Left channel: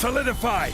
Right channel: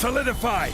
Solidify!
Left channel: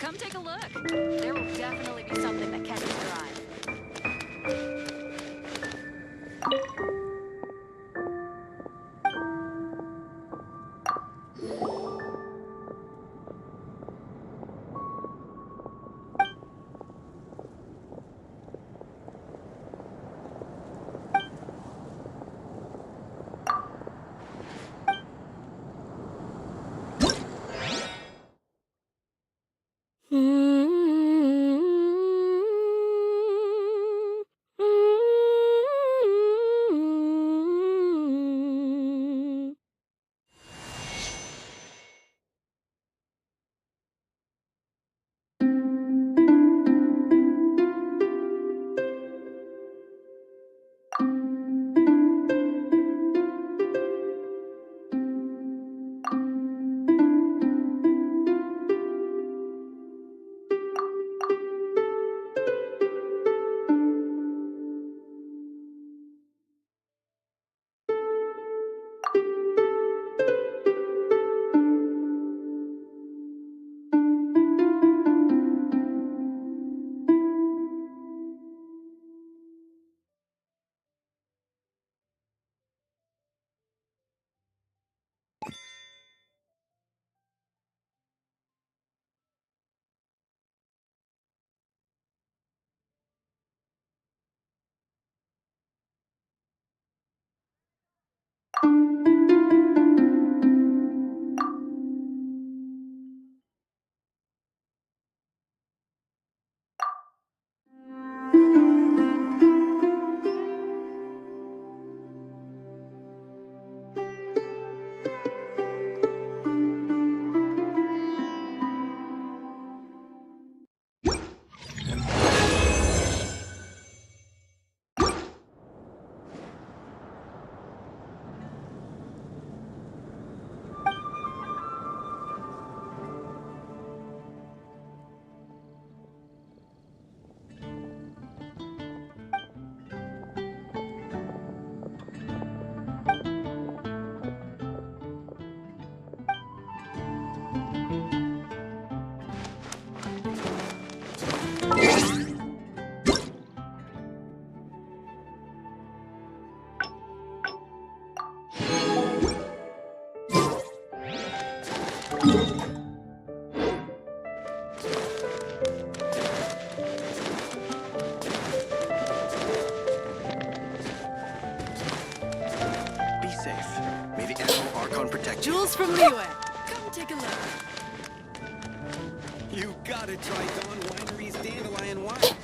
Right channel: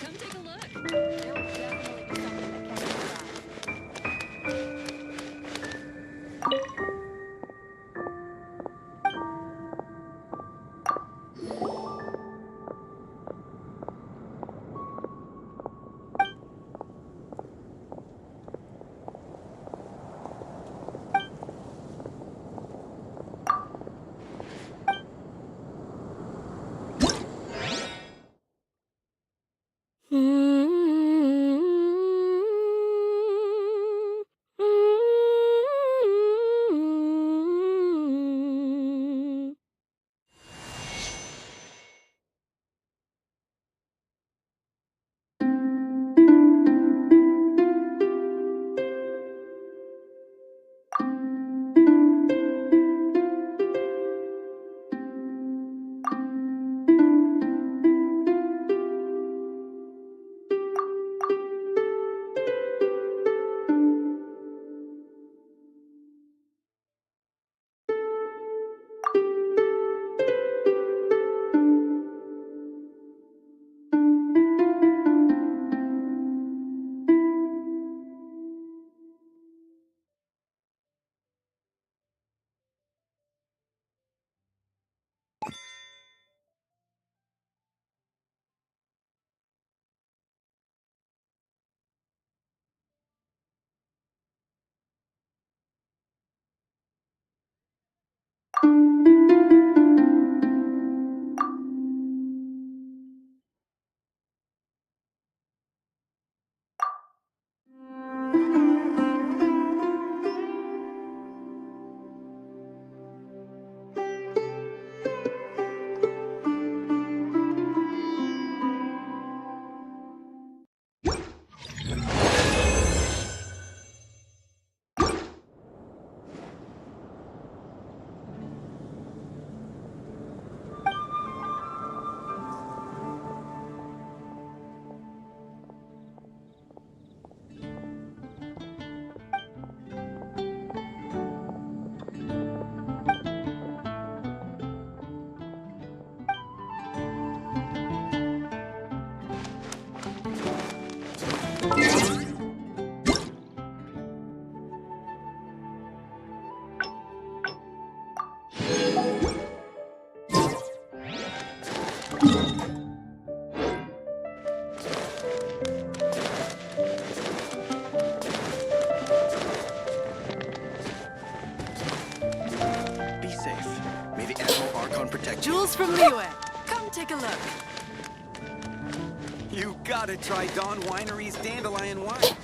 Come take a look. There will definitely be something that catches your eye. microphone protection. Jules from Liyue. Come take a look. You gotta try Dawn Winery's dandelion wine.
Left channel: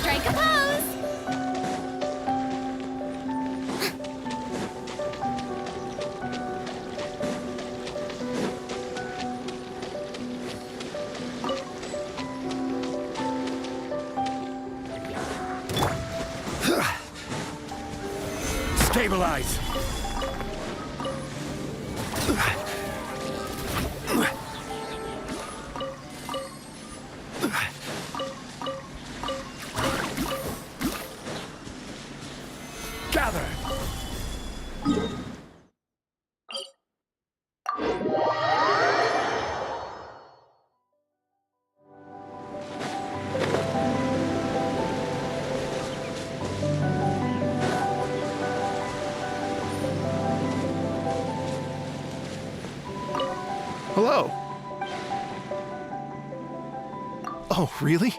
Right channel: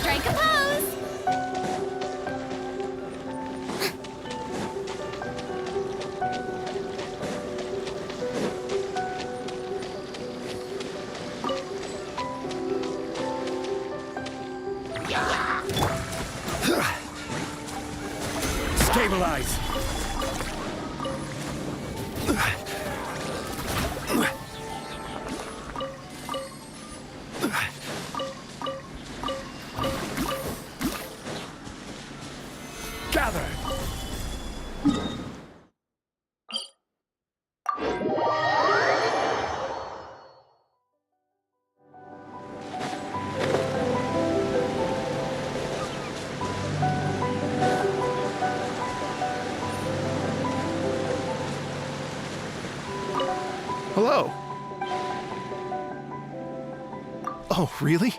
Strike a pose! Stabilize! Gather! Hello. Oh, really?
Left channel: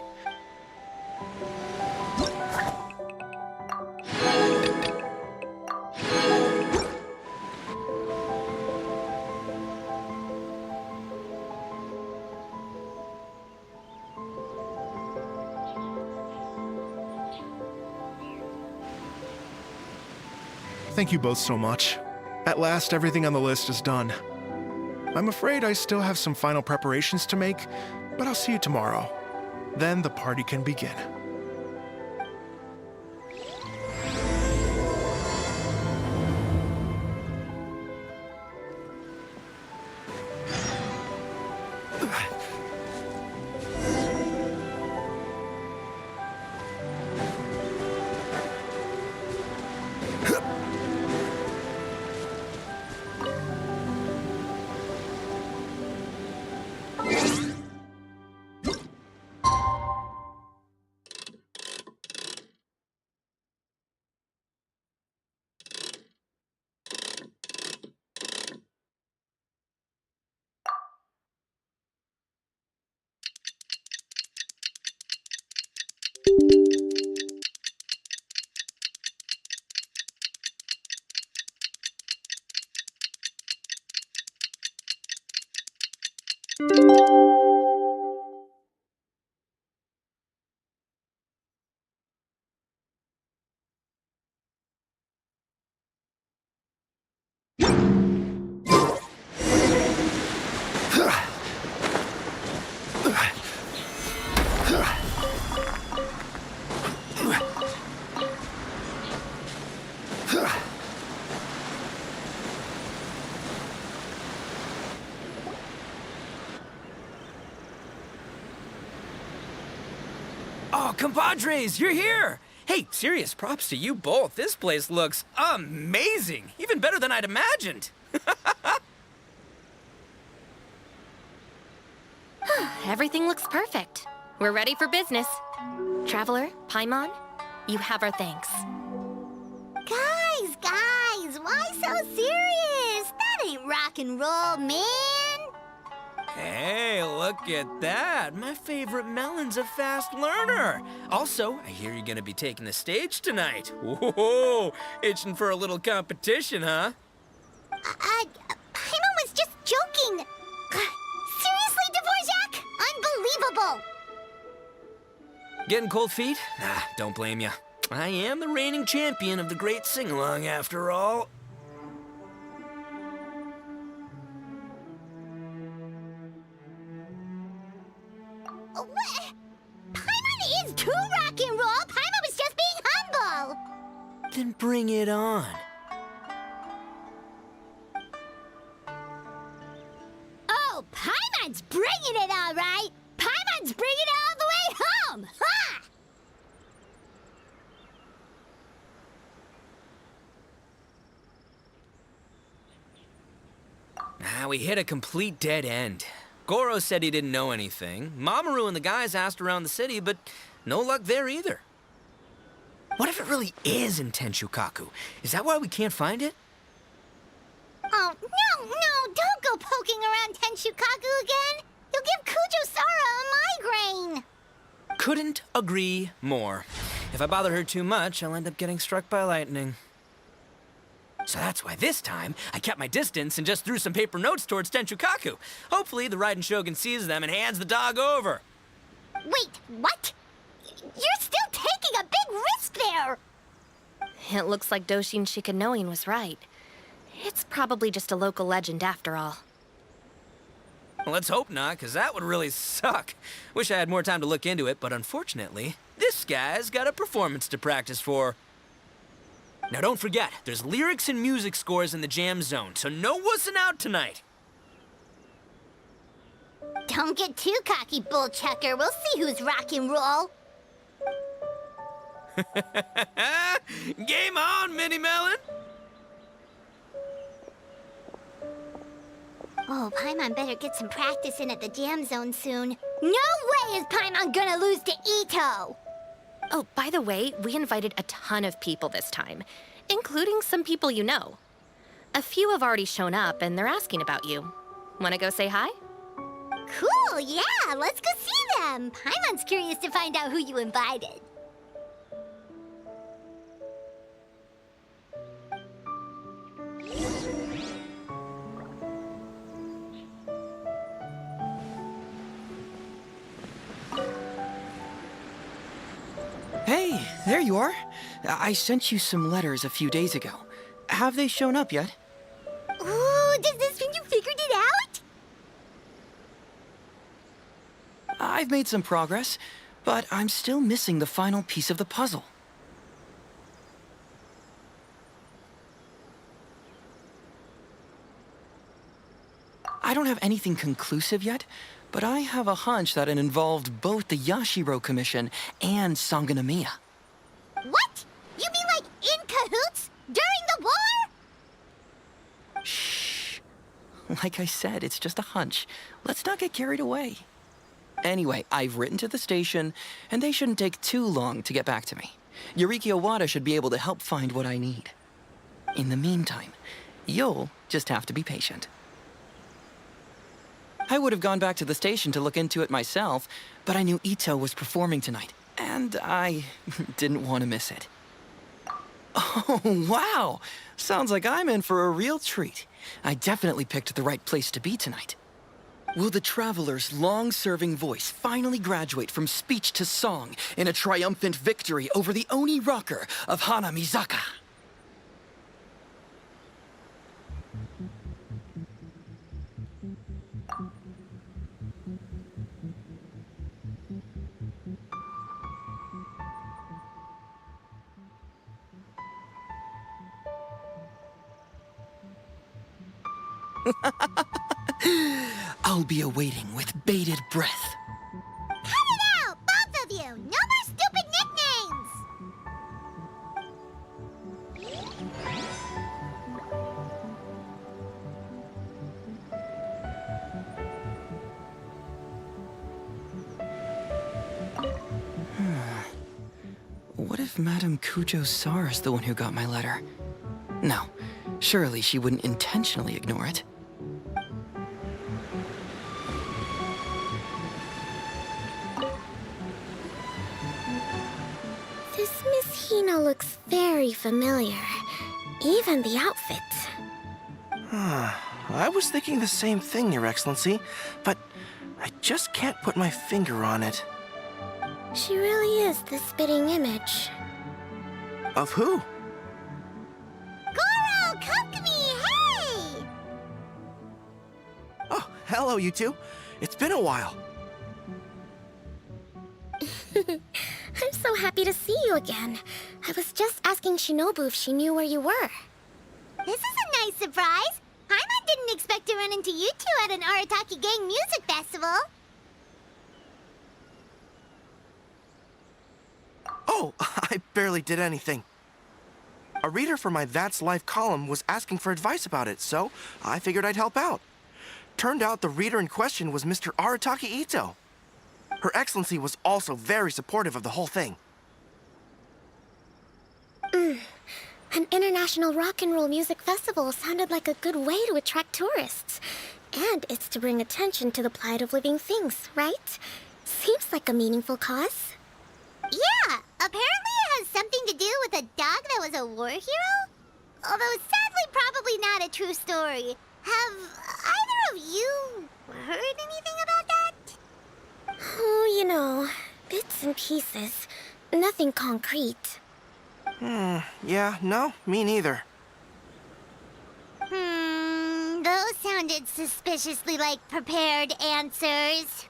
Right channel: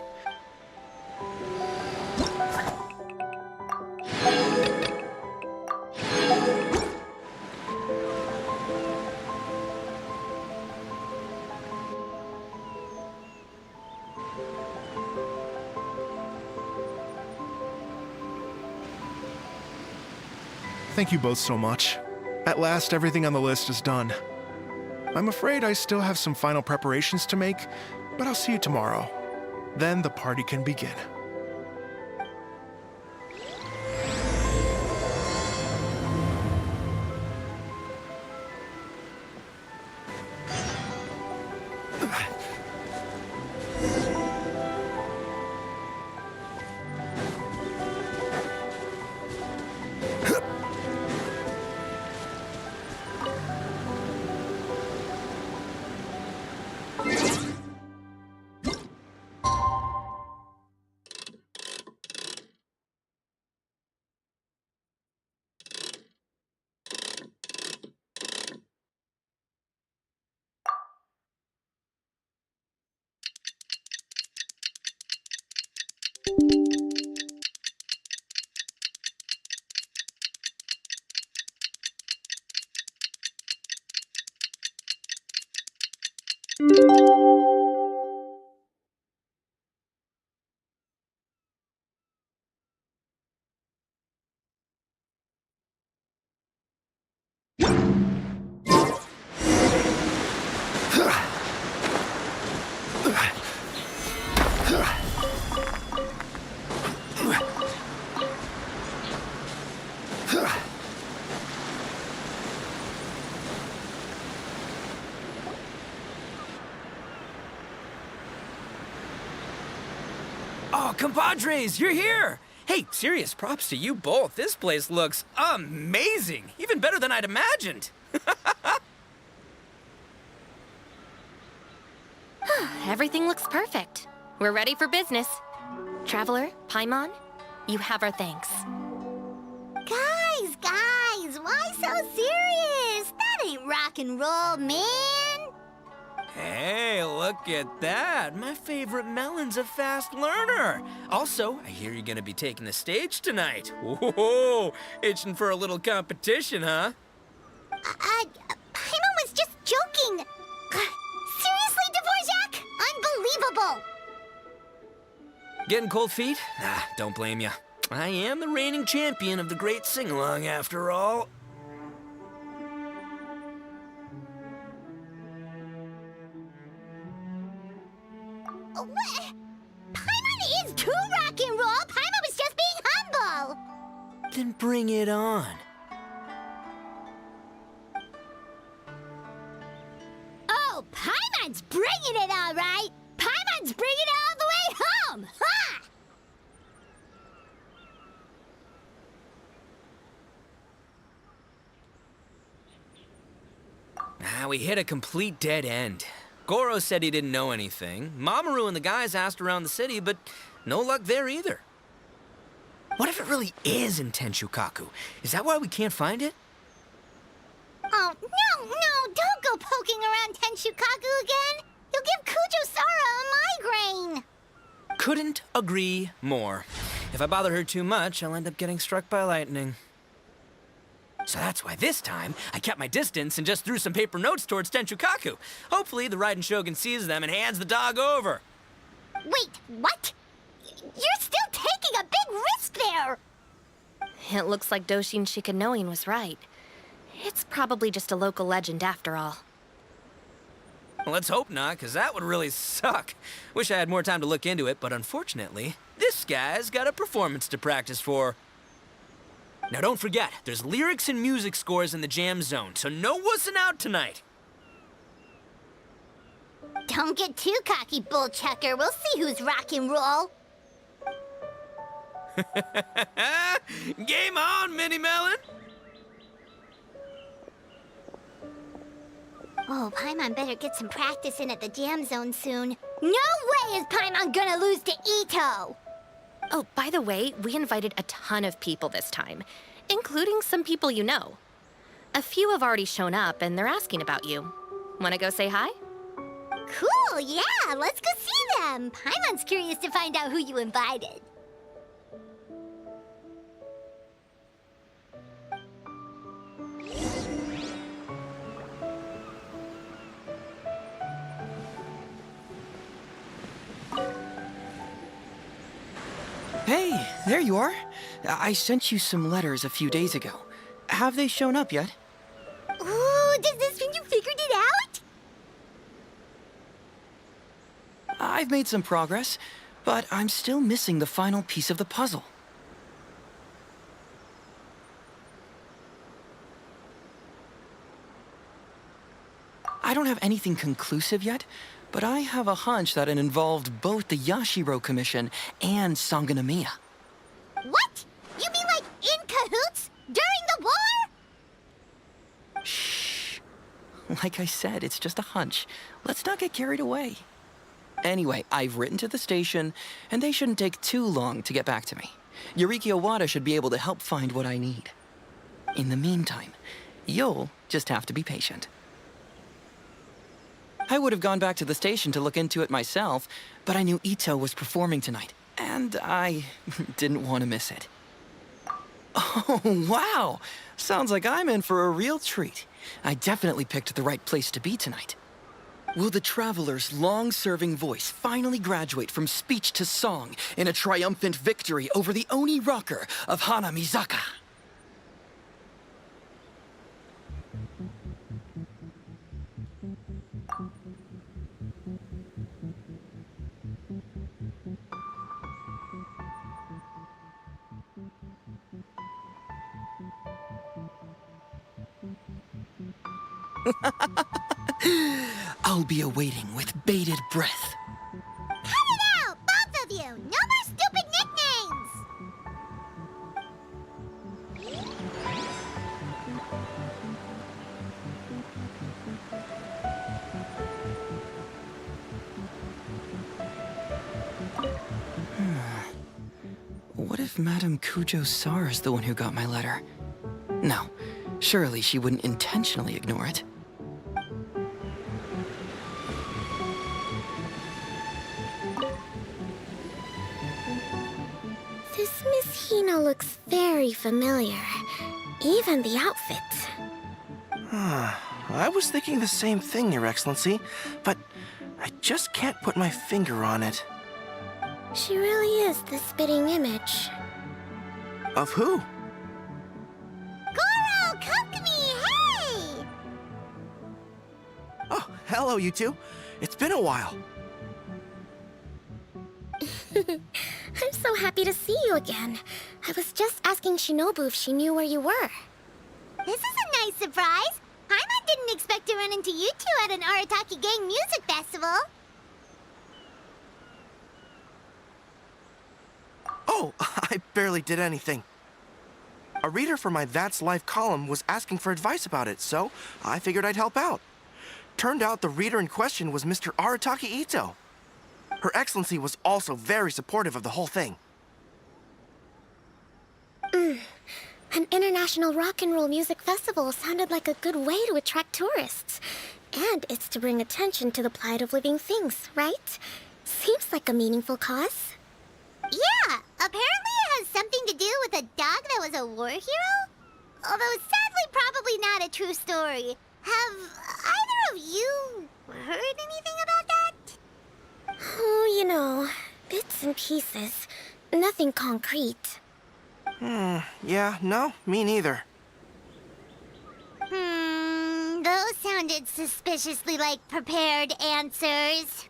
Thank you both so much. At last, everything on the list is done. I'm afraid I still have some final preparations to make, but I'll see you tomorrow. Then the party can begin. Oh, compadres, you're here! Hey, serious props to you both. This place looks amazing. Even better than I'd imagined. Everything looks perfect. We're ready for business. Traveler, Paimon, you have our thanks. Guys, why so serious? That ain't rock and roll, man. Hey, look at that. My favorite melon's a fast learner. Also, I hear you're gonna be taking the stage tonight. Whoa, itching for a little competition, huh? Paimon was just joking. Seriously, Dvorak? Unbelievable. Getting cold feet? Ah, don't blame you. I am the reigning champion of the great sing-along, after all. What? Paimon is too rock and roll. Paimon was just being humble. Then bring it on. Oh, Paimon's bringing it all right. Paimon's bringing it all the way home. Ha! We hit a complete dead end. Goro said he didn't know anything. Mamoru and the guys asked around the city, but no luck there either. What if it really is in Tenshukaku? Is that why we can't find it? Oh, no, don't go poking around Tenshukaku again. You'll give Kujo-Sara a migraine. Couldn't agree more. If I bother her too much, I'll end up getting struck by lightning. So that's why this time, I kept my distance and just threw some paper notes towards Tenshukaku. Hopefully, the Raiden Shogun sees them and hands the dog over. Wait, what? You're still taking a big risk there. It looks like Doshin Shikanoin was right. It's probably just a local legend after all. Well, let's hope not, because that would really suck. Wish I had more time to look into it, but unfortunately, this guy's got a performance to practice for. Now don't forget, there's lyrics and music scores in the jam zone, so no wussing out tonight. Don't get too cocky, bullchucker. We'll see who's rock and roll. Game on, Mini Melon! Oh, Paimon better get some practice in at the jam zone soon. No way is Paimon gonna lose to Ito! Oh, by the way, we invited a ton of people this time, including some people you know. A few have already shown up, and they're asking about you. Wanna go say hi? Cool, yeah, let's go see them. Paimon's curious to find out who you invited. Hey, there you are. I sent you some letters a few days ago. Have they shown up yet? Ooh, does this mean you figured it out? I've made some progress, but I'm still missing the final piece of the puzzle. I don't have anything conclusive yet, but I have a hunch that it involved both the Yashiro Commission and Sangonomiya. What? You mean like in cahoots? During the war? Shh. Like I said, it's just a hunch. Let's not get carried away. Anyway, I've written to the station, and they shouldn't take too long to get back to me. Yuriki Owada should be able to help find what I need. In the meantime, you'll just have to be patient. I would have gone back to the station to look into it myself, but I knew Ito was performing tonight, and I didn't want to miss it. Oh, wow! Sounds like I'm in for a real treat. I definitely picked the right place to be tonight. Will the Traveler's long-serving voice finally graduate from speech to song in a triumphant victory over the Oni rocker of Hanamizaka? I'll be awaiting with bated breath. Cut it out, both of you! No more stupid nicknames! What if Madame Kujo-Sara is the one who got my letter? No, surely she wouldn't intentionally ignore it. This Miss Hina looks very familiar. Even the outfit. I was thinking the same thing, Your Excellency, but I just can't put my finger on it. She really is the spitting image. Of who? Goro, come to me, hey! Oh, hello, you two. It's been a while. I'm so happy to see you again. I was just asking Shinobu if she knew where you were. This is a nice surprise. Paimon didn't expect to run into you two at an Arataki Gang music festival. Oh, I barely did anything. A reader for my That's Life column was asking for advice about it, so I figured I'd help out. Turned out the reader in question was Mr. Arataki Ito. Her Excellency was also very supportive of the whole thing. An international rock and roll music festival sounded like a good way to attract tourists. And it's to bring attention to the plight of living things, right? Seems like a meaningful cause. Yeah, apparently it has something to do with a dog that was a war hero? Although sadly probably not a true story. Have either of you heard anything about that? Oh, you know, bits and pieces. Nothing concrete. Yeah, no, me neither. Those sounded suspiciously like prepared answers.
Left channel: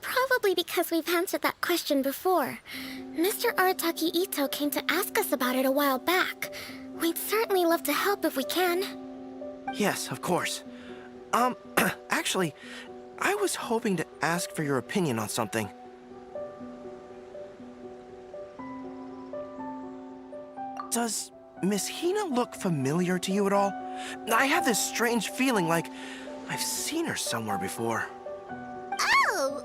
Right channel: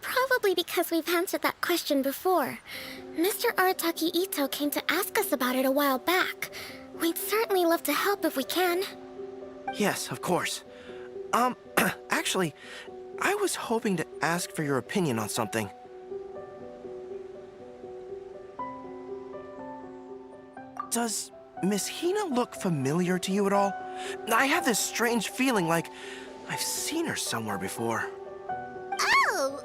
Probably because we've answered that question before. Mr. Arataki Ito came to ask us about it a while back. We'd certainly love to help if we can. Yes, of course. Actually, I was hoping to ask for your opinion on something. Does Miss Hina look familiar to you at all? I have this strange feeling like I've seen her somewhere before. Oh!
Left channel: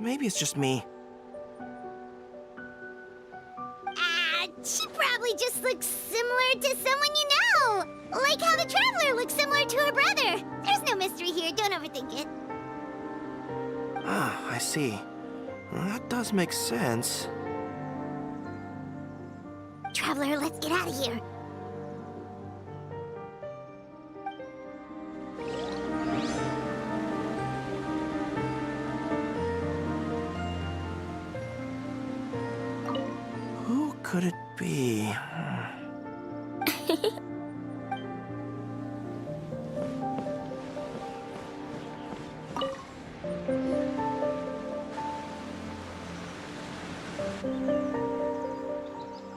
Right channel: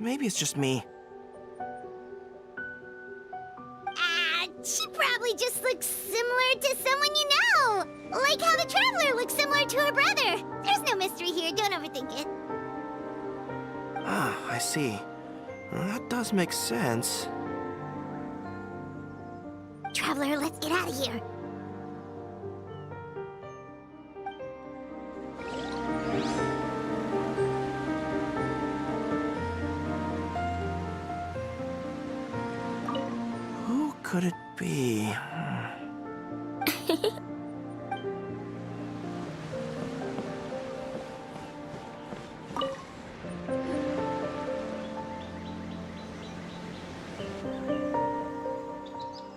Maybe it's just me. She probably just looks similar to someone you know. Like how the Traveler looks similar to her brother. There's no mystery here, don't overthink it. Ah, I see. Well, that does make sense. Traveler, let's get out of here. Who could it be?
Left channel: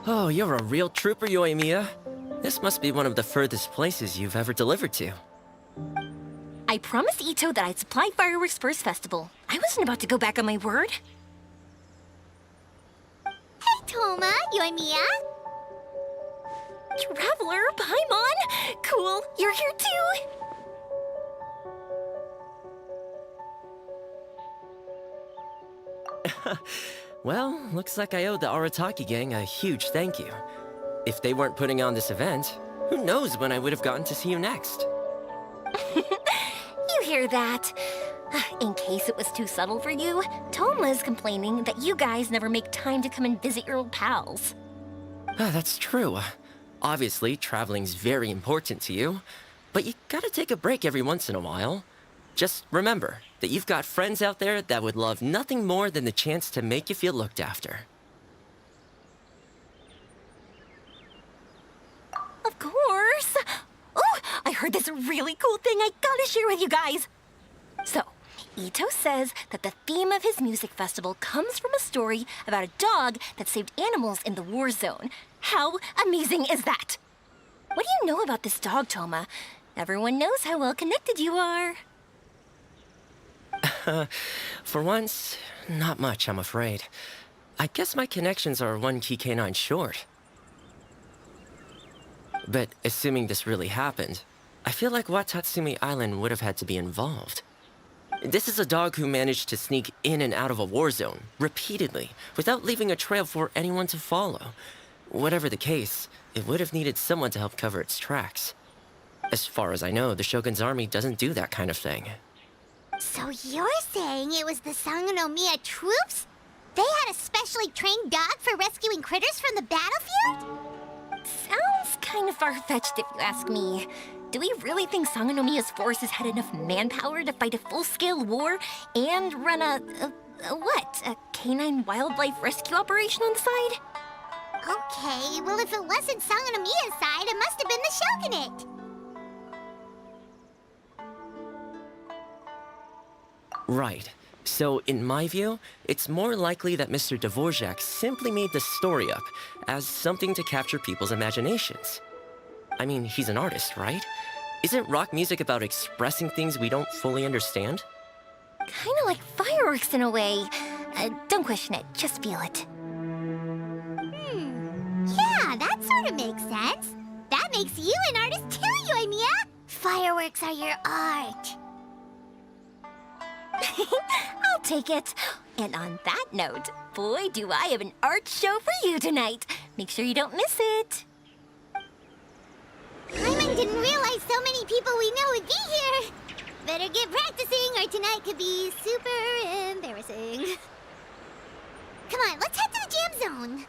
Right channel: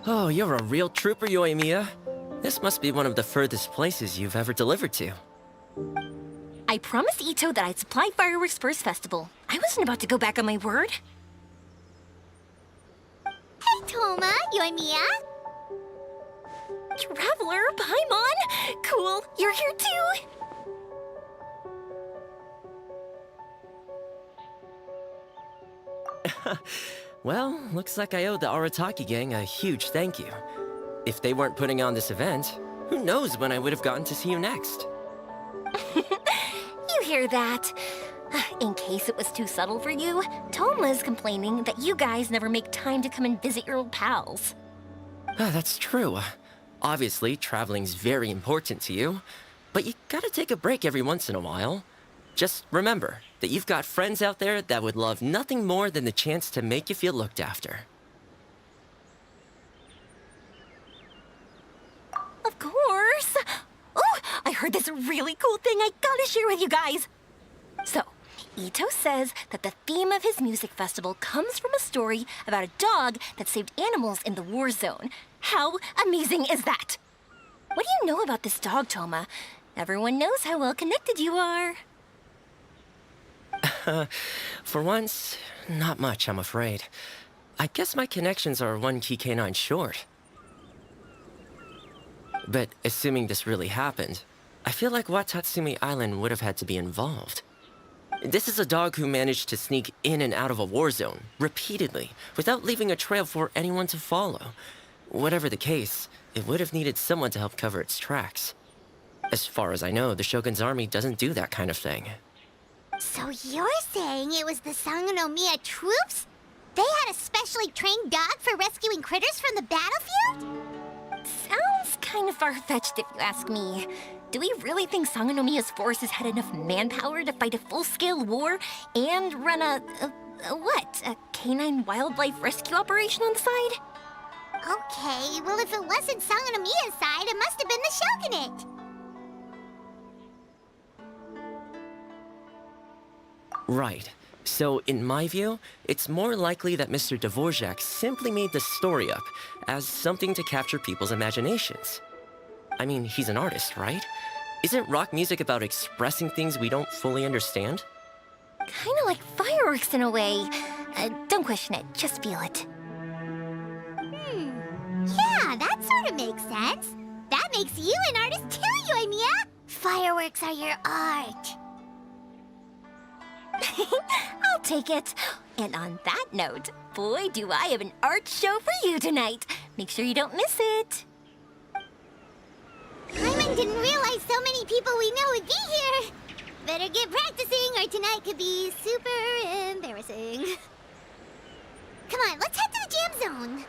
Oh, you're a real trooper, Yoimiya. This must be one of the furthest places you've ever delivered to. I promised Ito that I'd supply fireworks for his festival. I wasn't about to go back on my word. Hey, Toma, Yoimiya. Traveler, Paimon! Cool, you're here too! Well, looks like I owe the Arataki gang a huge thank you. If they weren't putting on this event, who knows when I would have gotten to see you next. You hear that? In case it was too subtle for you, Toma's complaining that you guys never make time to come and visit your old pals. That's true. Obviously, traveling's very important to you, but you gotta take a break every once in a while. Just remember that you've got friends out there that would love nothing more than the chance to make you feel looked after. Of course! Oh, I heard this really cool thing I gotta share with you guys! So, Ito says that the theme of his music festival comes from a story about a dog that saved animals in the war zone. How amazing is that? What do you know about this dog, Toma? Everyone knows how well connected you are. For once, not much, I'm afraid. I guess my connections are one key canine short. But assuming this really happened, I feel like Watatsumi Island would have had to be involved. This is a dog who managed to sneak in and out of a war zone, repeatedly, without leaving a trail for anyone to follow. Whatever the case, it would have needed someone to help cover its tracks. As far as I know, the Shogun's army doesn't do that kind of thing. So you're saying it was the Sangonomiya troops? They had a specially trained dog for rescuing critters from the battlefield? Sounds kind of far-fetched if you ask me. Do we really think Sangonomiya's forces had enough manpower to fight a full-scale war and run a canine wildlife rescue operation on the side? Okay, well if it wasn't Sangonomiya's side, it must have been the Shogunate. Right. So, in my view, it's more likely that Mr. Dvorak simply made the story up as something to capture people's imaginations. I mean, he's an artist, right? Isn't rock music about expressing things we don't fully understand? Kinda like fireworks in a way. Don't question it, just feel it. Yeah, that sort of makes sense. That makes you an artist too, Yoimiya! Fireworks are your art. I'll take it. And on that note, boy, do I have an art show for you tonight. Make sure you don't miss it. Hyman didn't realize so many people we know would be here. Better get practicing or tonight could be super embarrassing. Come on, let's head to the jam zone.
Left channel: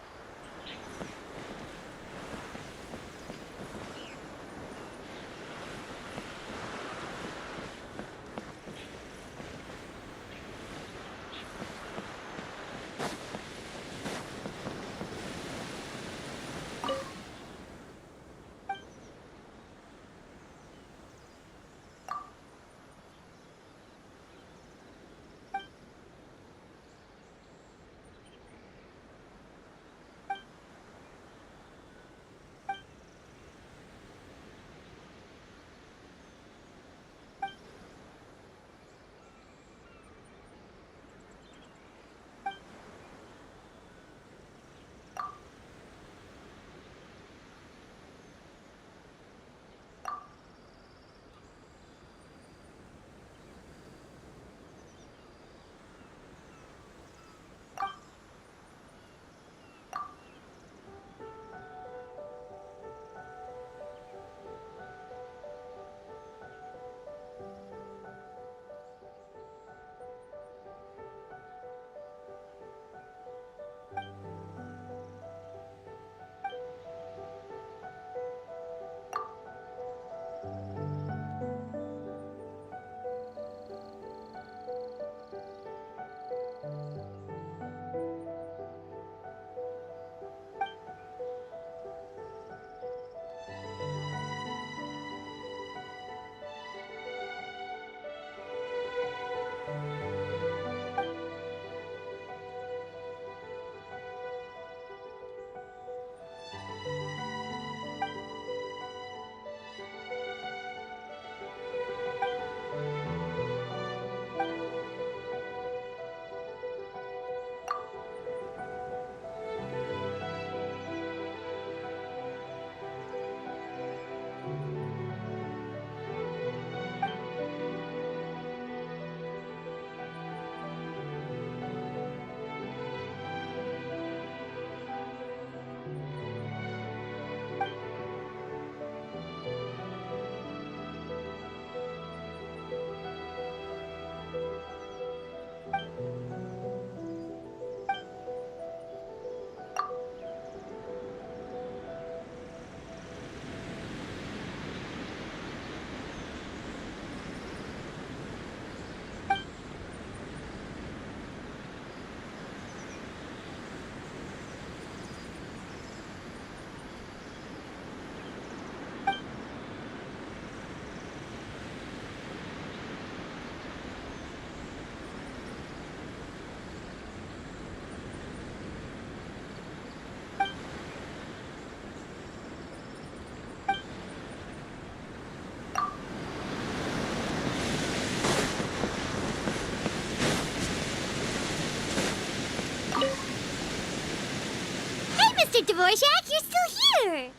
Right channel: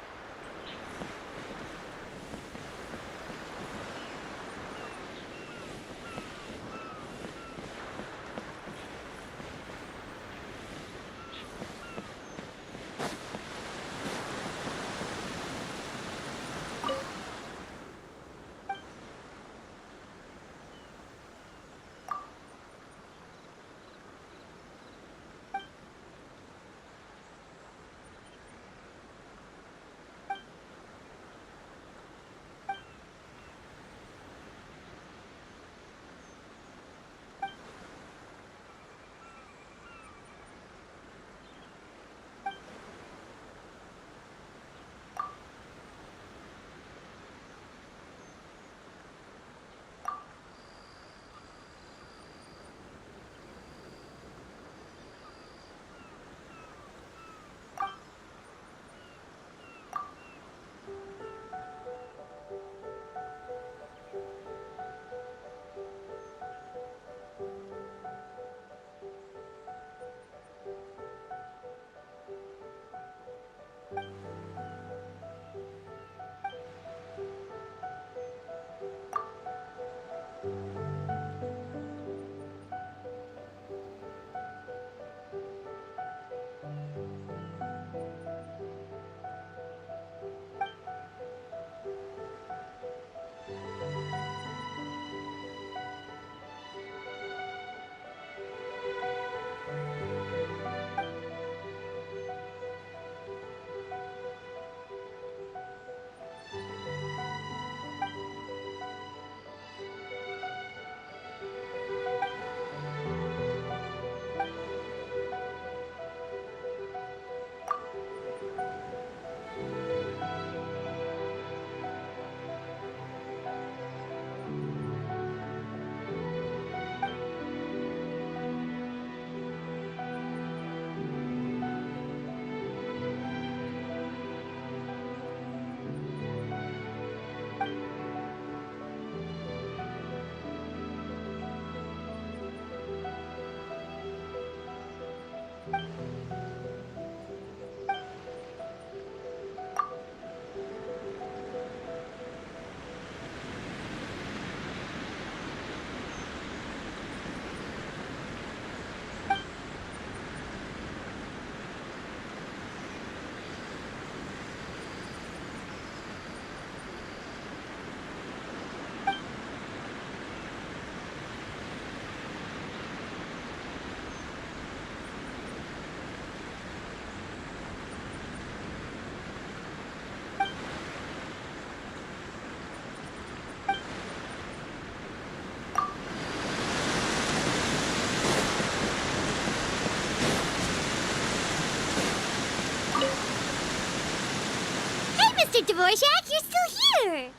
Mr. Dvorak, you're still here!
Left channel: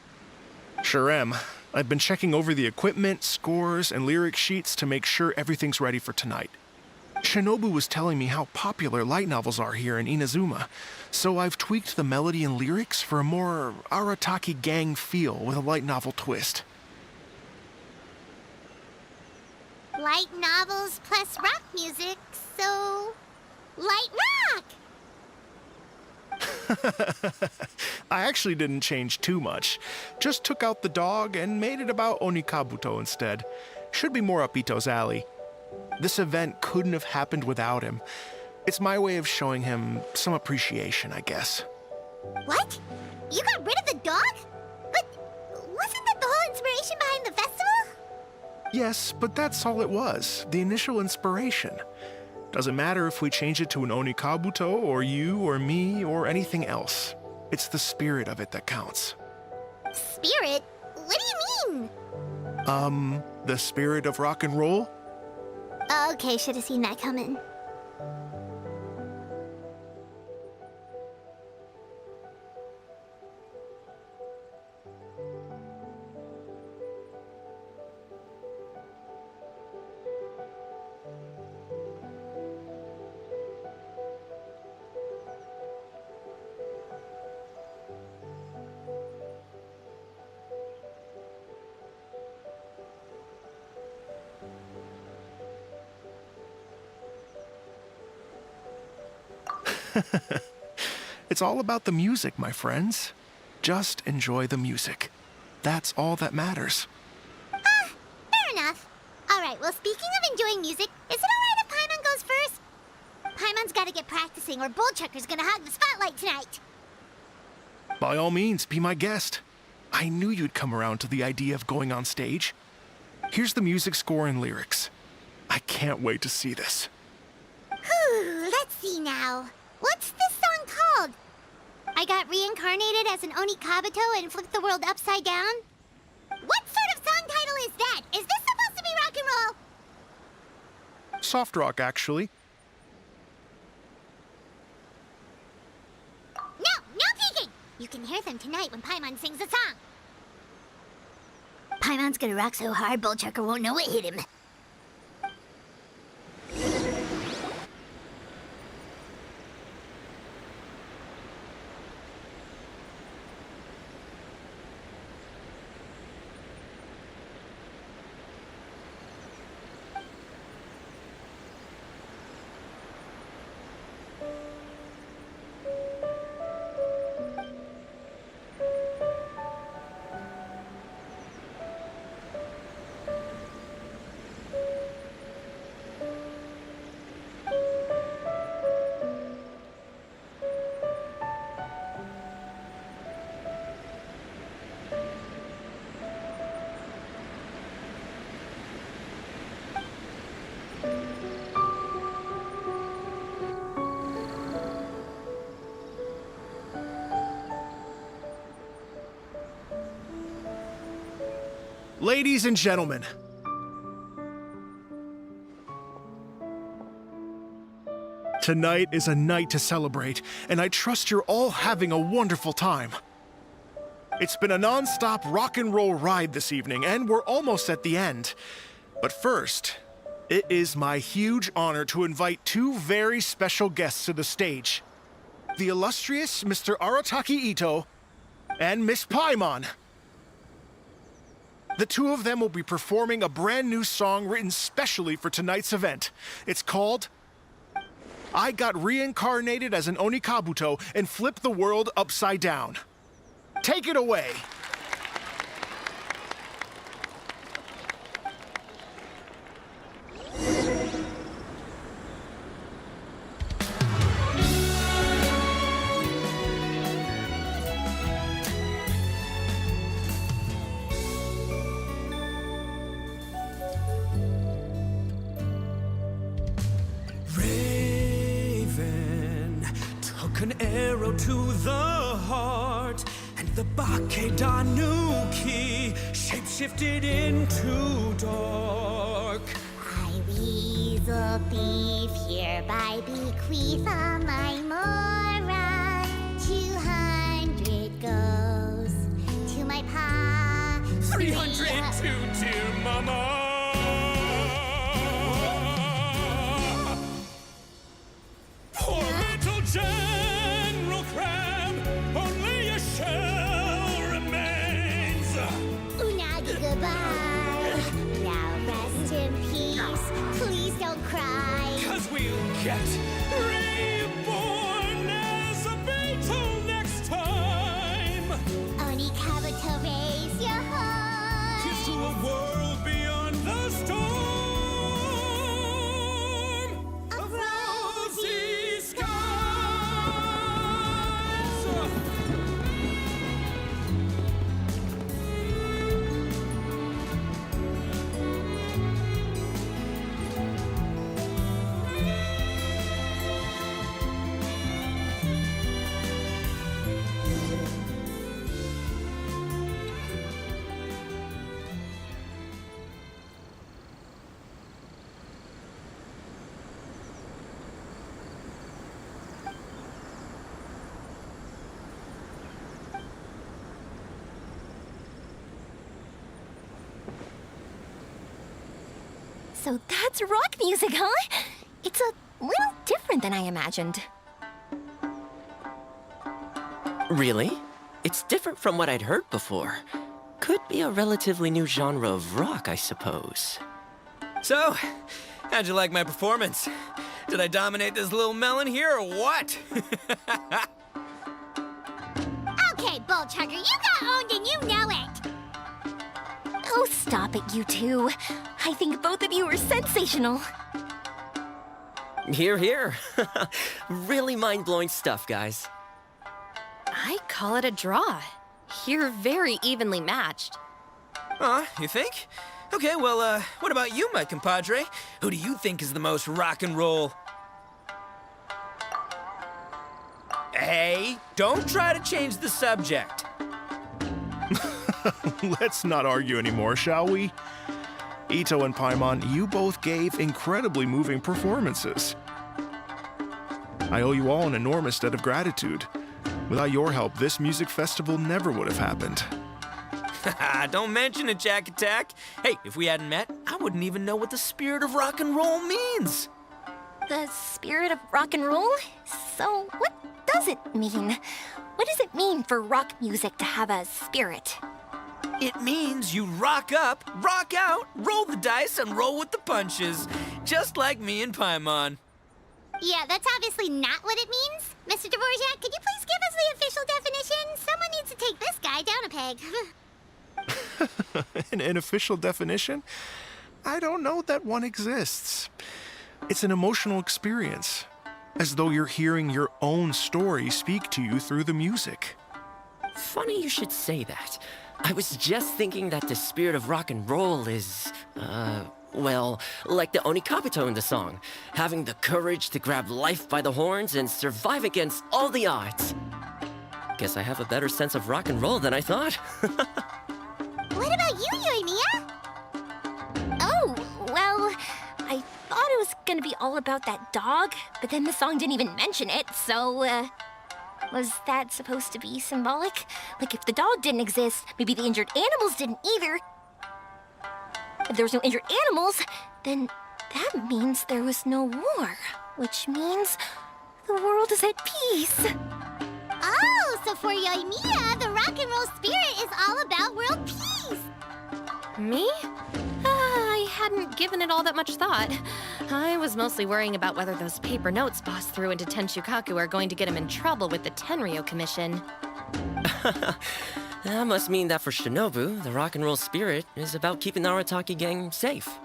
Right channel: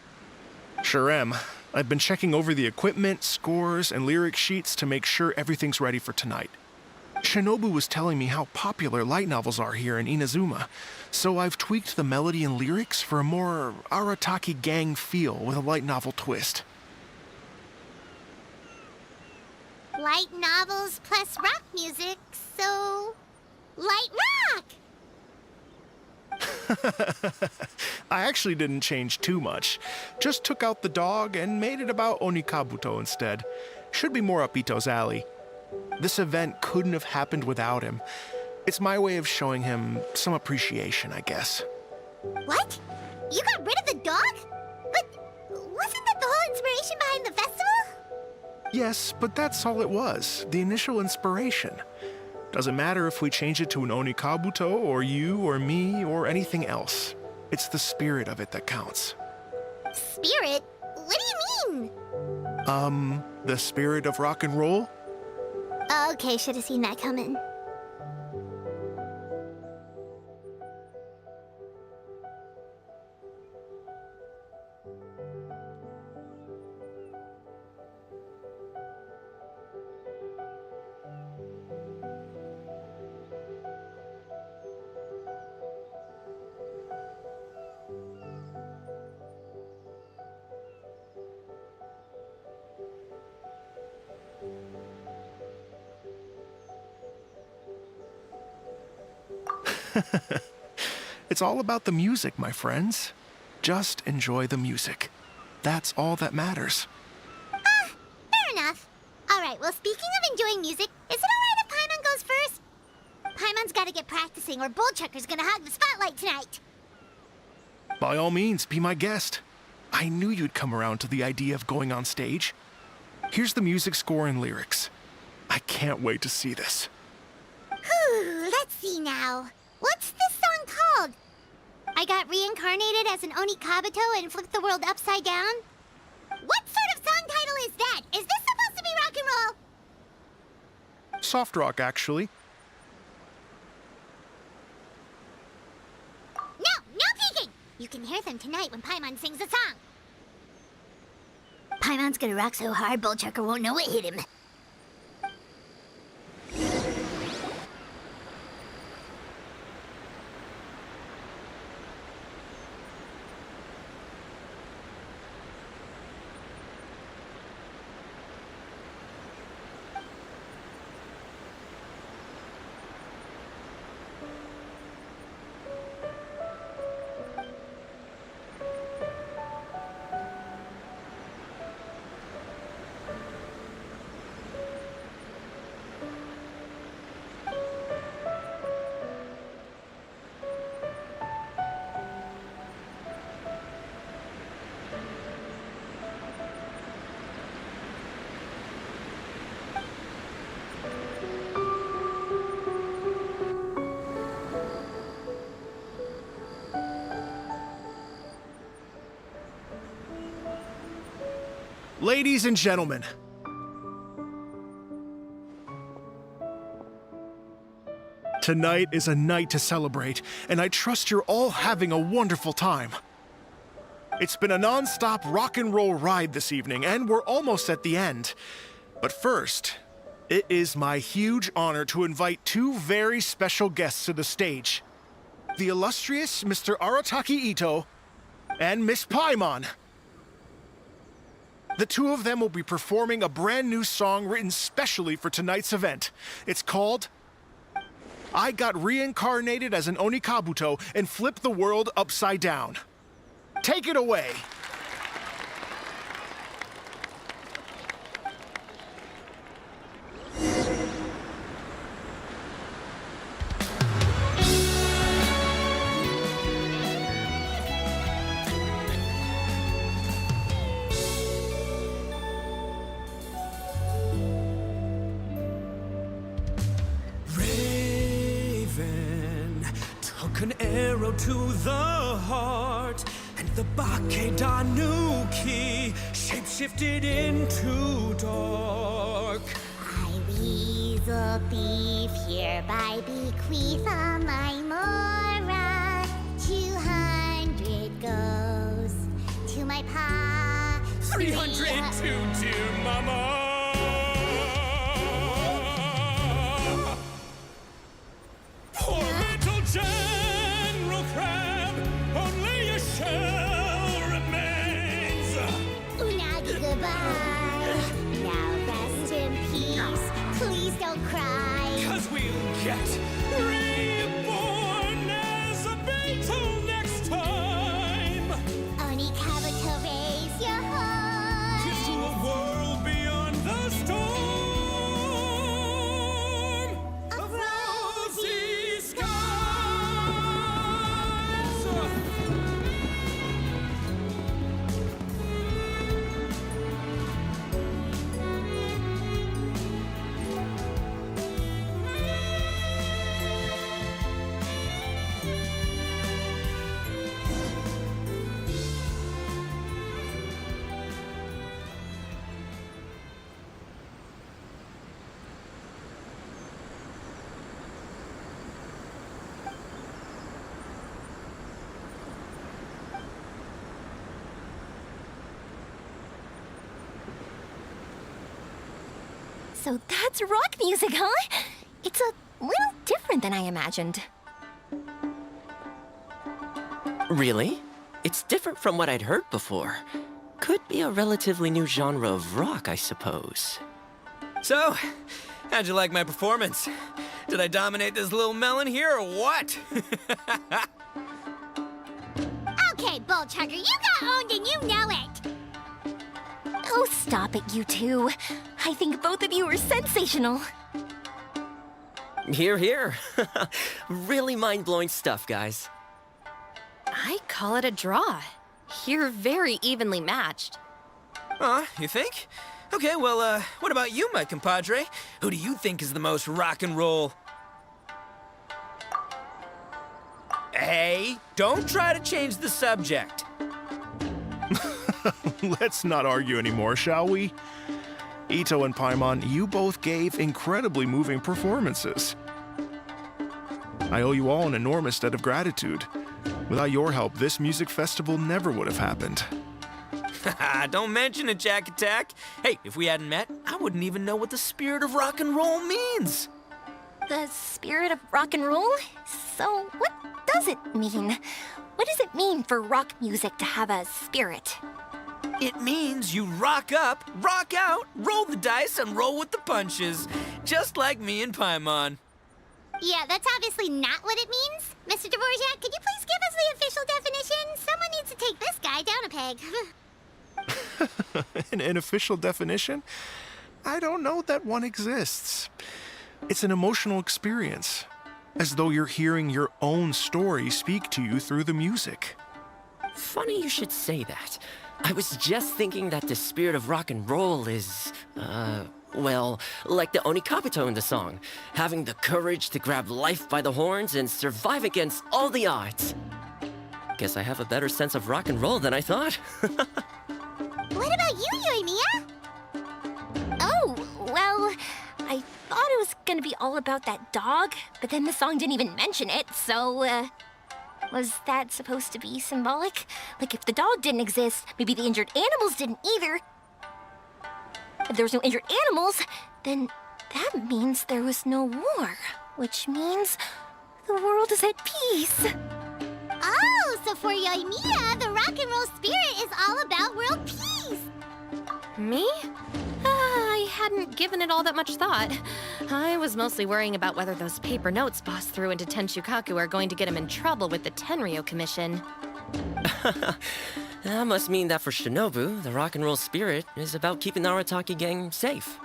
Sure am. I've been checking over the equipment, scores, and lyric sheets to make sure everything's ready for tonight. Shinobu was telling me how popular light novels are here in Inazuma, so I've tweaked the melody and lyrics for a more Arataki gang feel with a light novel twist. Light novels plus rock music, so... light rock! I actually didn't change too much. Just took out the dog and made it about Onikabuto instead. Should be more up Ito's alley. This event couldn't have happened without him. It's my way of showing him some appreciation, I guess. What? You got rid of the dog? But wasn't that the whole inspiration behind the festival? Yes, but that's all it was. The initial inspiration. Doesn't matter if we change it to an Onikabuto, or you, or me, or anything else. It's the spirit of it that counts. Spirit? What do you mean? The spirit of rock and roll? Okay, should have seen that coming. It's all about the music, my friends. Just enjoy the music. That's all that matters. Fair enough. Alright, well, speaking of enjoying music, is it alright if Paimon goes first? Paimon's gotta get practicing, or Bullchucker's gonna hog the spotlight tonight. By all means, be my guest. I knew you'd come around to the idea of going on stage. Here's the music score and lyrics. I can't wait to see this. Whew, let's see now. What's this song called? I got reincarnated as an Oni Kabuto and flipped the world upside down? What sort of song title is that? Is this supposed to be rock and roll? Soft rock, actually. No peeking! You can hear them tonight when Paimon sings a song. Paimon's gonna rock so hard, Bullchucker won't know what hit him. Ladies and gentlemen, tonight is a night to celebrate, and I trust you're all having a wonderful time. It's been a non-stop rock and roll ride this evening, and we're almost at the end. But first, it is my huge honor to invite two very special guests to the stage. The illustrious Mr. Arataki Ito and Miss Paimon. The two of them will be performing a brand new song written specially for tonight's event. It's called I Got Reincarnated as an Oni Kabuto and Flipped the World Upside Down. Take it away! An arrow to the heart, and the Bakedanuki shapeshifted into dark. I, weasel thief, hereby bequeath all my mora. 200 goes to my pa. 300 to dear mama. Poor little General Crab, only a shell remains. Unagi, goodbye. Now rest in peace. Please don't cry. 'Cause we'll get reborn as a beetle next time. Oni Kabuto, raise your heart. Here's to a world beyond the storm of rosy skies. So that's rock music, huh? It's a little different than I imagined. Really? It's different from what I'd heard before. Could be a relatively new genre of rock, I suppose. So, how'd you like my performance? Did I dominate this little melon here or what? Okay, Bull Chugger, you got owned and you know it. Oh, stop it, you two. I think both of you are sensational. Here, here. Really mind-blowing stuff, guys. I call it a draw. You're very evenly matched. You think? Okay, well, what about you, my compadre? Who do you think is the most rock and roll? Hey, don't try to change the subject. Let's not argue anymore, shall we? Ito and Paimon, you both gave incredibly moving performances. I owe you all an enormous debt of gratitude. Without your help, this music festival never would have happened. Don't mention it, Jack Attack. Hey, if we hadn't met, I wouldn't even know what the spirit of rock and roll means. The spirit of rock and roll? So, what does it mean? What does it mean for rock music to have a spirit? It means you rock up, rock out, roll the dice, and roll with the punches. Just like me and Paimon. Yeah, that's obviously not what it means. Mr. Dvorak, could you please give us the official definition? Someone needs to take this guy down a peg. An official definition? I don't know that one exists. It's an emotional experience, as though you're hearing your own story speak to you through the music. Funny you should say that. I was just thinking that the spirit of rock and roll is, well, like the Onikapito in the song, having the courage to grab life by the horns and survive against all the odds. Guess I have a better sense of rock and roll than I thought. What about you, Yoimiya? Oh, well, I thought it was gonna be all about that dog, but then the song didn't even mention it, so, was that supposed to be symbolic? Like, if the dog didn't exist, maybe the injured animals didn't either. If there was no injured animals, then that means there was no war, which means the world is at peace. Oh, so for Yoimiya, the rock and roll spirit is all about world peace. Me? I hadn't given it all that much thought. I was mostly worrying about whether those paper notes Boss threw into Tenshukaku are going to get him in trouble with the Tenryo Commission. That must mean that for Shinobu, the rock and roll spirit is about keeping the Arataki gang safe.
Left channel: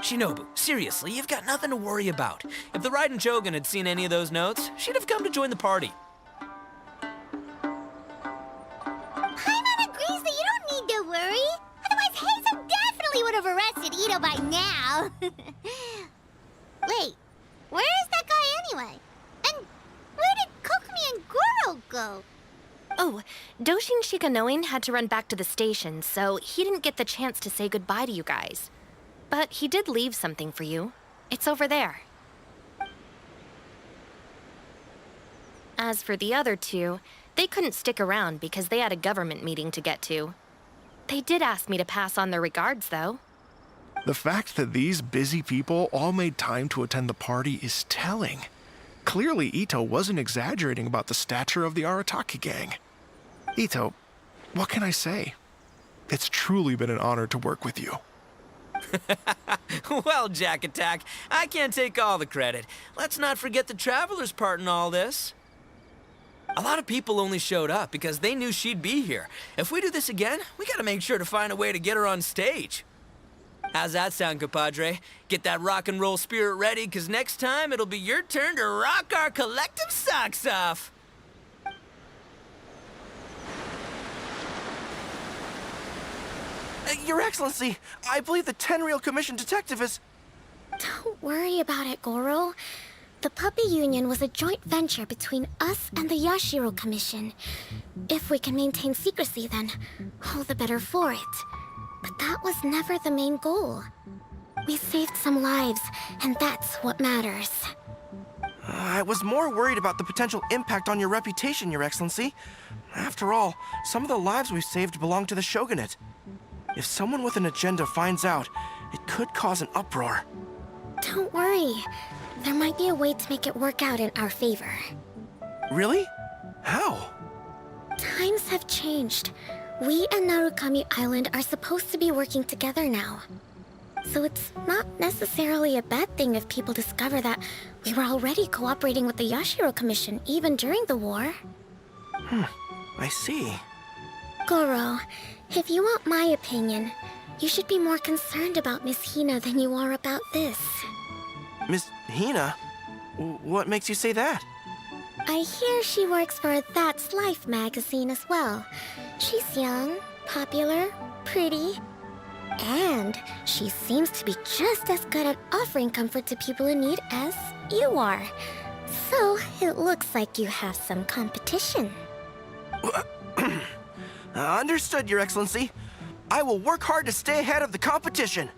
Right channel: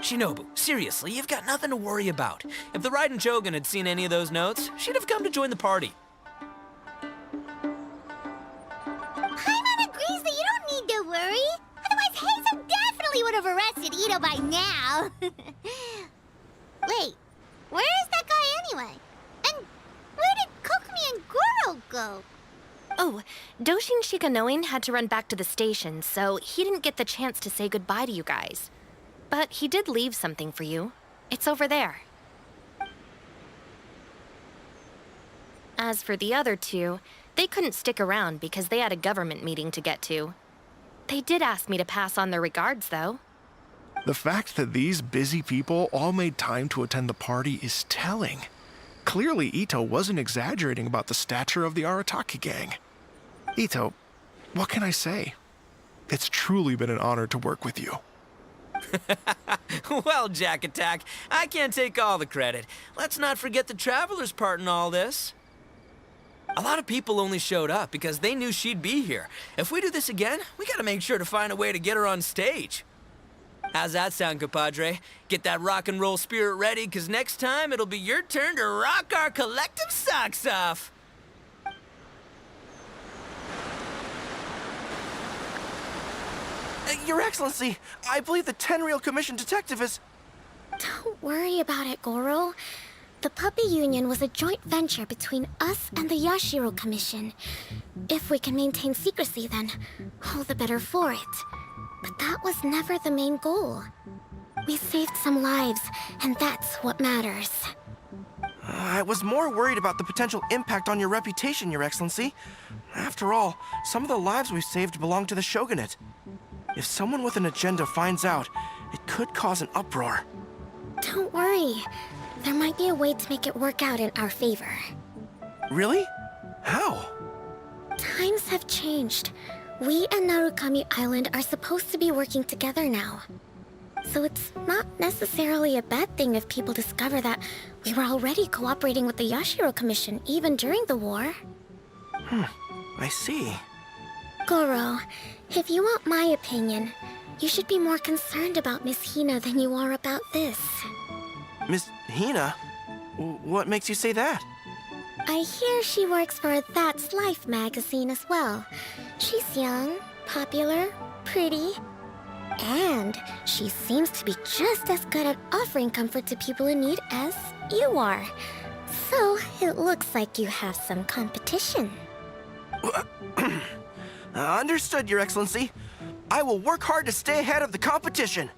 Shinobu, seriously, you've got nothing to worry about. If the Raiden Shogun had seen any of those notes, she'd have come to join the party. Paimon agrees that you don't need to worry. Otherwise, Heizo definitely would have arrested Ito by now. Wait, where is that guy anyway? And where did Kokumi and Goro go? Oh, Doshin Shikanoin had to run back to the station, so he didn't get the chance to say goodbye to you guys. But he did leave something for you. It's over there. As for the other two, they couldn't stick around because they had a government meeting to get to. They did ask me to pass on their regards, though. The fact that these busy people all made time to attend the party is telling. Clearly, Ito wasn't exaggerating about the stature of the Arataki gang. Ito, what can I say? It's truly been an honor to work with you. Well, Jack Attack, I can't take all the credit. Let's not forget the Traveler's part in all this. A lot of people only showed up because they knew she'd be here. If we do this again, we gotta make sure to find a way to get her on stage. How's that sound, compadre? Get that rock and roll spirit ready, because next time it'll be your turn to rock our collective socks off. Your Excellency, I believe the Tenryo Commission detective is... Don't worry about it, Goro. The Puppy Union was a joint venture between us and the Yashiro Commission. If we can maintain secrecy, then all the better for it. But that was never the main goal. We saved some lives, and that's what matters. I was more worried about the potential impact on your reputation, Your Excellency. After all, some of the lives we've saved belong to the Shogunate. If someone with an agenda finds out, it could cause an uproar. Don't worry. There might be a way to make it work out in our favor. Really? How? Times have changed. We and Narukami Island are supposed to be working together now. So it's not necessarily a bad thing if people discover that we were already cooperating with the Yashiro Commission even during the war. I see. Goro, if you want my opinion, you should be more concerned about Miss Hina than you are about this. Miss Hina? What makes you say that? I hear she works for That's Life magazine as well. She's young, popular, pretty, and she seems to be just as good at offering comfort to people in need as you are. So it looks like you have some competition. Understood, Your Excellency. I will work hard to stay ahead of the competition.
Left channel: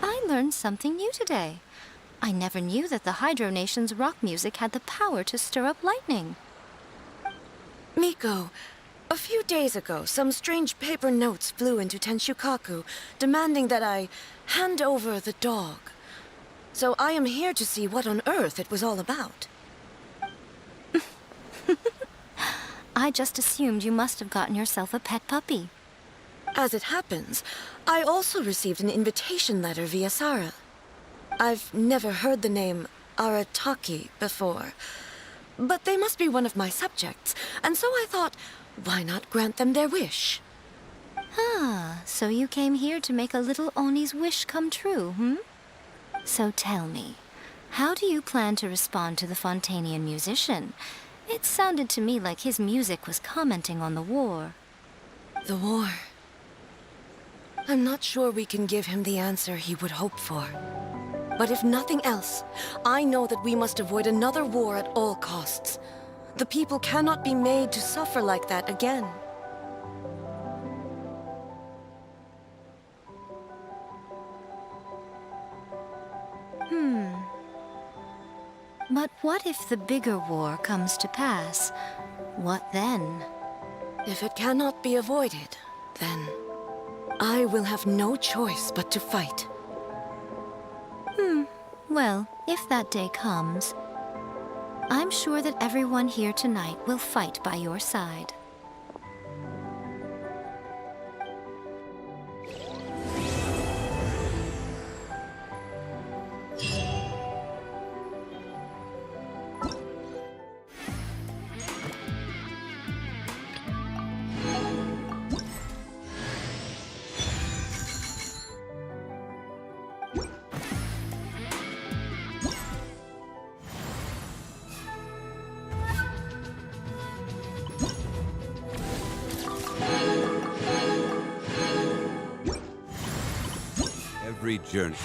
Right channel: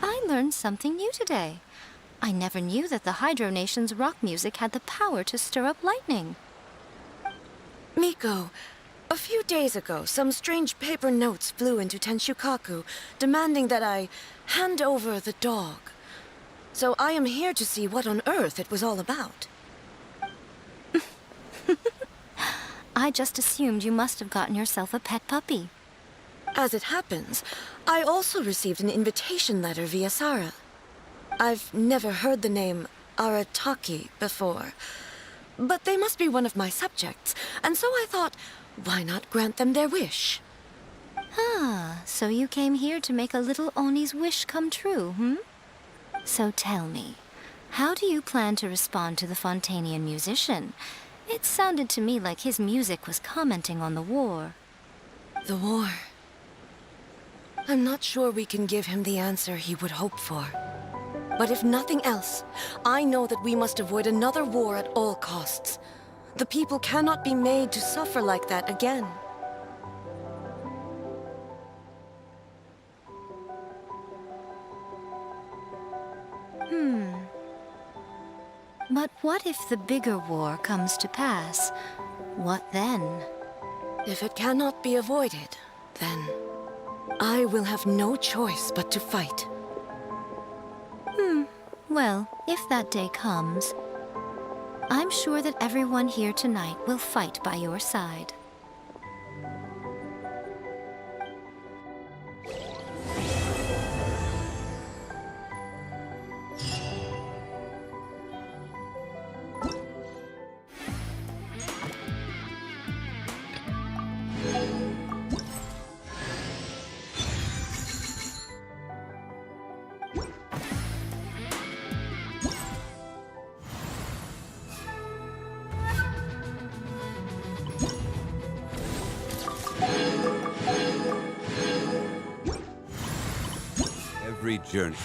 I learned something new today. I never knew that the Hydro Nation's rock music had the power to stir up lightning. Miko, a few days ago, some strange paper notes flew into Tenshukaku, demanding that I hand over the dog. So I am here to see what on earth it was all about. I just assumed you must have gotten yourself a pet puppy. As it happens, I also received an invitation letter via Sara. I've never heard the name Arataki before, but they must be one of my subjects, and so I thought, why not grant them their wish? Ah, so you came here to make a little Oni's wish come true, hmm? So tell me, how do you plan to respond to the Fontanian musician? It sounded to me like his music was commenting on the war. The war. I'm not sure we can give him the answer he would hope for. But if nothing else, I know that we must avoid another war at all costs. The people cannot be made to suffer like that again. But what if the bigger war comes to pass? What then? If it cannot be avoided, then I will have no choice but to fight. Well, if that day comes, I'm sure that everyone here tonight will fight by your side. Every journey.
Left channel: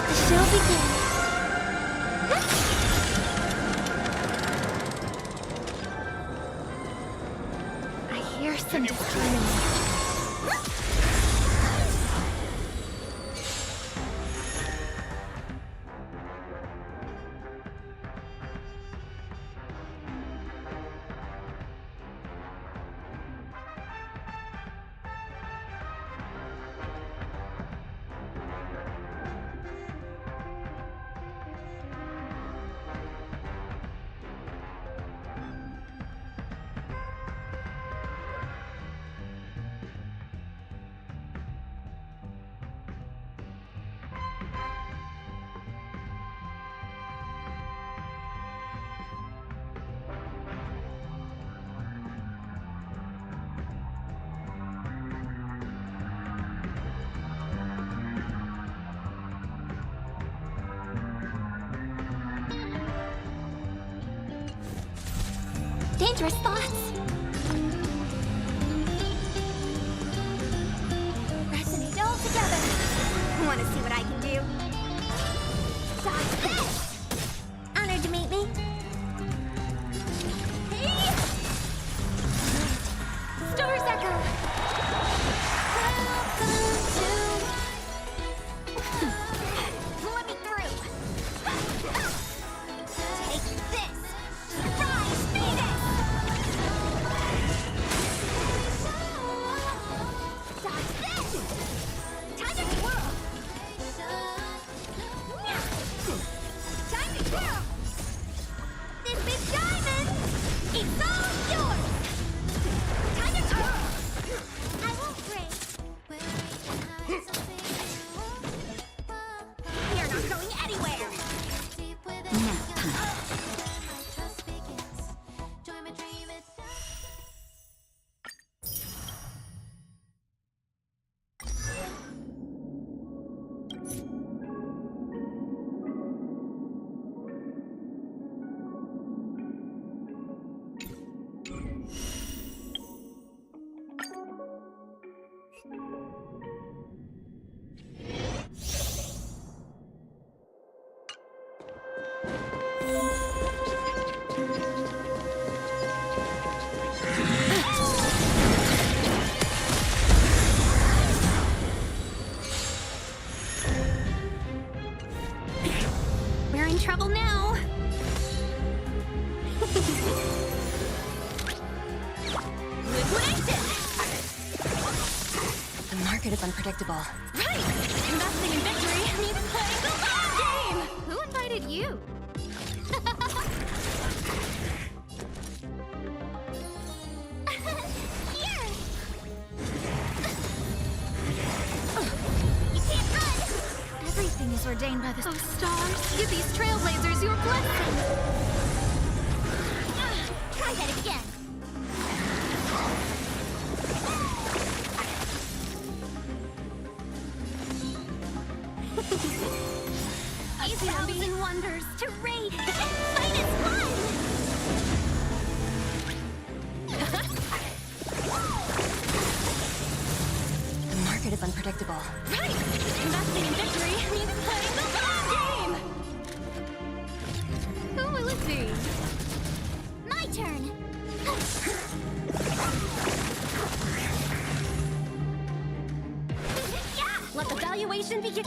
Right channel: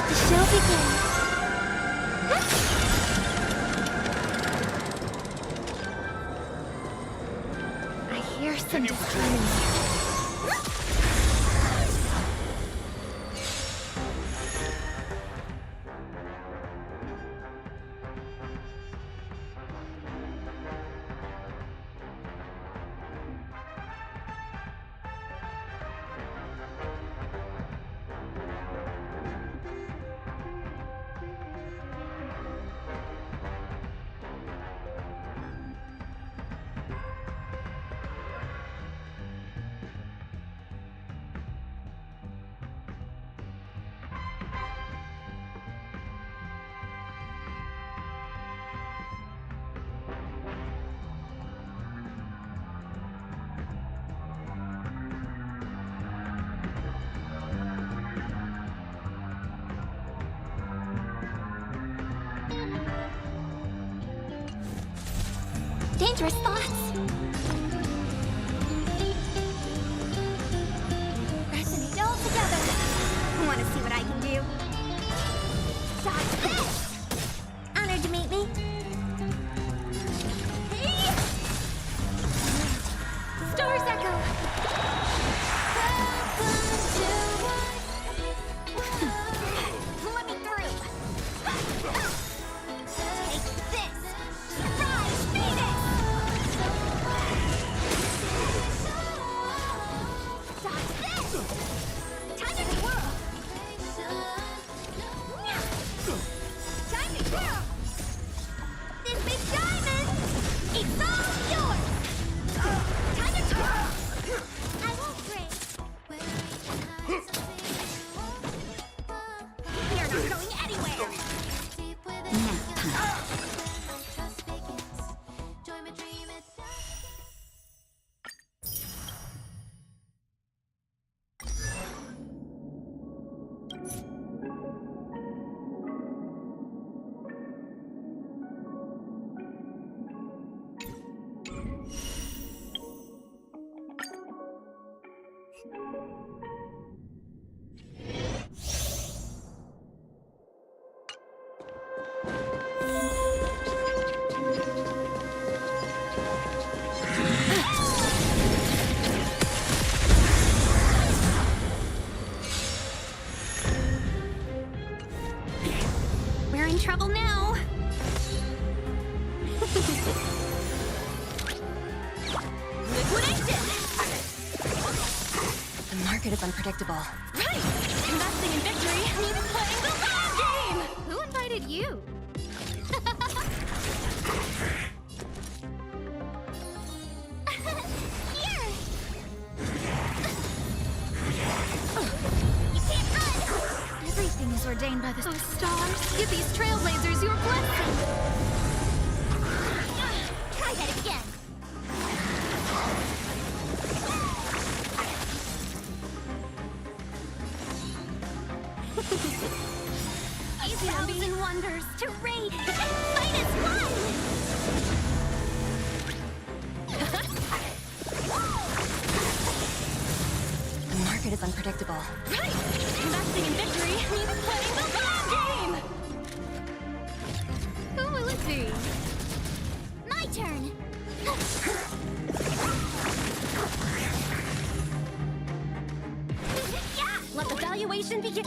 Let the show begin. I hear some disharmony. Dangerous thoughts. Resonate all together. Want to see what I can do? Dodge this! Honored to meet me. Hey! Stars echo. Welcome to let me through. Take this. Rise, Phoenix! Dodge this! Time to twirl! Time to twirl! This big diamond! It's all yours! Time to twirl! I won't break. You're not going anywhere! Nap time. We're in trouble now. Liquidation! The market is unpredictable. Right! Investing in victory means playing the long game! Who invited you? Here! You can't run! Everything is ordained by the stars. Give these trailblazers your blessing. Try that again. A thousand wonders to rate. Fight is one! The market is unpredictable. Right! Investing in victory means playing the long game! Who will it be? My turn! Let the valuation begin.